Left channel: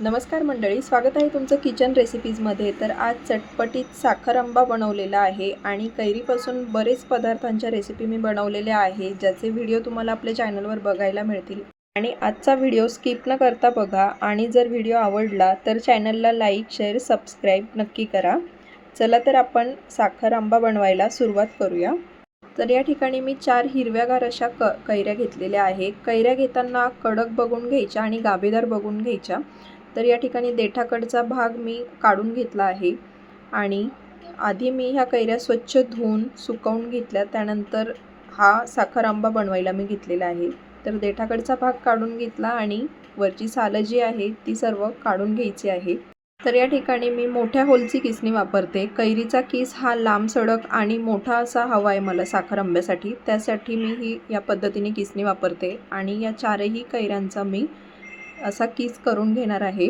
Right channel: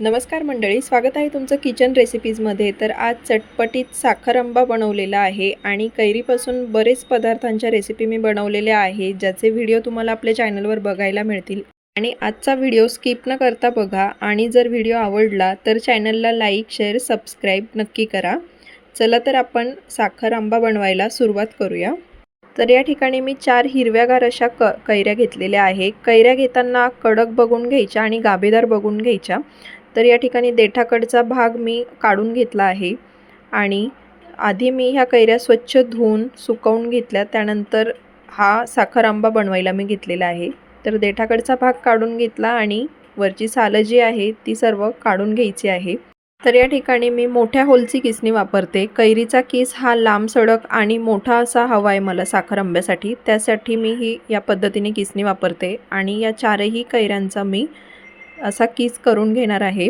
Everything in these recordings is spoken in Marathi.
नमस्कार मंडळी स्वागत आहे तुमचं किचन रेसिपीजमध्ये तर आज चटपटीत साखर आंबा बनवलेला आहे आणि कैरीपासून बरेच पदार्थांच्या रेसिपी मी बनवलेल्या आहे ज्याचे व्हिडिओ तुम्हाला आपल्या चॅनलवर बघायला मिळतील. आणि आजचा व्हिडिओ स्किप न करता बघा आणि जर व्हिडिओ आवडला तर चॅनलला लाईक शेअर सबस्क्राईब नक्की करा. चला तर आपण साखर आंबा बनवायला सुरुवात करूया. तर या ठिकाणी मी चार हिरव्यागार अशा क कैऱ्या घेतलेल्या आहे कैऱ्या घेताना कडक बघून घ्यायच्या आणि गाभेदार बघून घ्यायच्या. तर या ठिकाणी देठाकडचा भाग मी काढून घेतला आहे आणि आधी मी ह्या कैऱ्या स्वच्छ धुवून सुकवून घेतल्या. त्यानंतर हा साखर आंबा बनवायला मी घेतलेला आहे. तर देठाकडचा भाग काढून घेतला आणि वरची सालं जी आहे ती सर्व काढून घ्यायची आहे. तर या ठिकाणी मी मोठ्या होलची किसणी वापरते. कैरीचा किस हा लांब सडक आणि मोठा असा हवा आहे मला साखर आंब्यासाठी. त्यासाठी मी ही या पद्धतीने किसणी वापरते आणि या चारही कैऱ्यांचा मी असा किस करून घेणार आहे.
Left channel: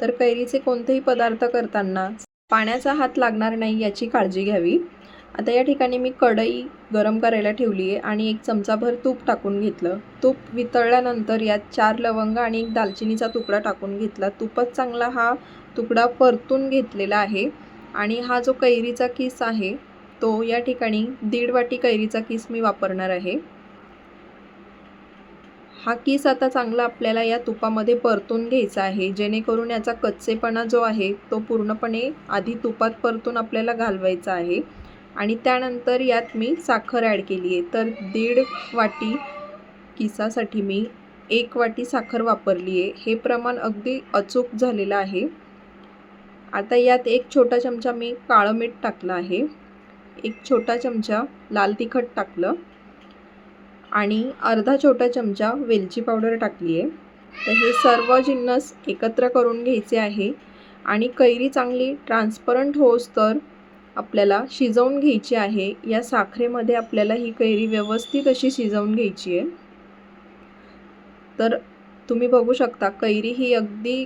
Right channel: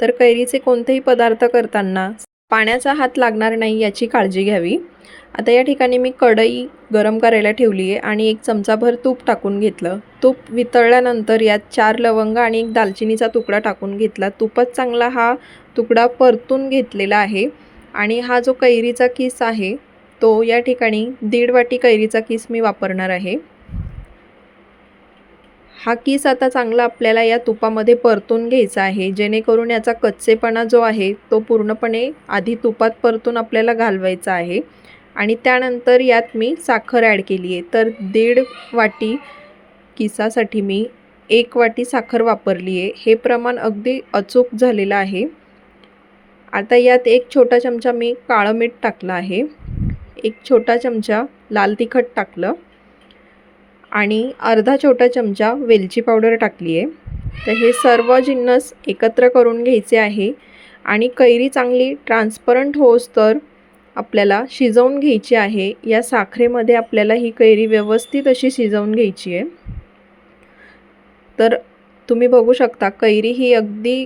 तर कैरीचे कोणतेही पदार्थ करताना पाण्याचा हात लागणार नाही याची काळजी घ्यावी. आता या ठिकाणी मी कढई गरम करायला ठेवली आहे आणि एक चमचाभर तूप टाकून घेतलं. तूप वितळल्यानंतर यात चार लवंग आणि एक दालचिनीचा तुकडा टाकून घेतला. तूपच चांगला हा तुकडा परतून घेतलेला आहे. आणि हा जो कैरीचा किस आहे तो या ठिकाणी दीड वाटी कैरीचा किस मी वापरणार आहे. हा किस आता चांगला आपल्याला या तुपामध्ये परतून घ्यायचा आहे. जेणेकरून याचा कच्चेपणा जो आहे तो पूर्णपणे आधी तुपात परतून आपल्याला घालवायचा आहे. आणि त्यानंतर यात मी साखर ॲड केली आहे. तर दीड वाटी किसासाठी मी एक वाटी साखर वापरली आहे. हे प्रमाण अगदी अचूक झालेलं आहे. आता यात एक छोटा चमचा मी काळं मीठ टाकलं आहे. एक छोटा चमचा लाल तिखट टाकलं. आणि अर्धा छोटा चमचा वेलची पावडर टाकली आहे. तर हे सर्व जिन्नस एकत्र करून घ्यायचे आहे. आणि कैरी चांगली ट्रान्सपरंट होस तर आपल्याला शिजवून घ्यायची आहे. या साखरेमध्ये आपल्याला ही कैरी व्यवस्थित अशी शिजवून घ्यायची आहे. तर तुम्ही बघू शकता कैरी ही अगदी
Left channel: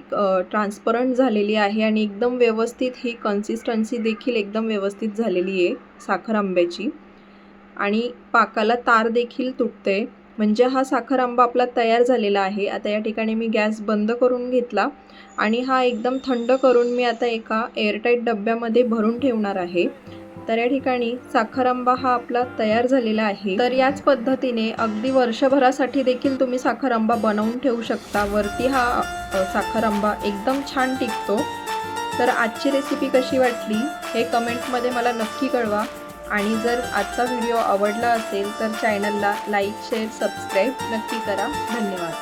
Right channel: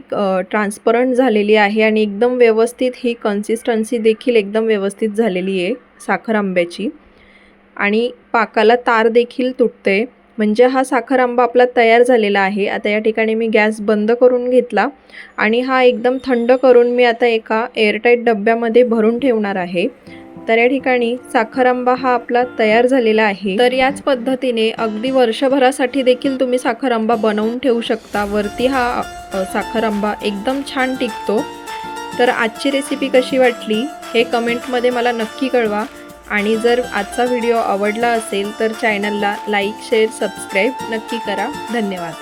ट्रान्सपरंट झालेली आहे आणि एकदम व्यवस्थित ही कन्सिस्टन्सी देखील एकदम व्यवस्थित झालेली आहे साखर आंब्याची. आणि पाकाला तार देखील तुटते. म्हणजे हा साखर आंबा आपला तयार झालेला आहे. आता या ठिकाणी मी गॅस बंद करून घेतला आणि हा एकदम थंड करून मी आता एका एअरटाईट डब्यामध्ये भरून ठेवणार आहे. तर या ठिकाणी साखर आंबा हा आपला तयार झालेला आहे. तर याच पद्धतीने अगदी वर्षभरासाठी देखील तुम्ही साखर आंबा बनवून ठेवू शकता. वरती हा साखर आंबा एकदम छान टिकतो. तर आजची रेसिपी कशी वाटली हे कमेंटमध्ये मला नक्की कळवा. आणि जर आजचा व्हिडिओ आवडला असेल तर चॅनलला लाईक शेअर सबस्क्राईब नक्की करा. धन्यवाद.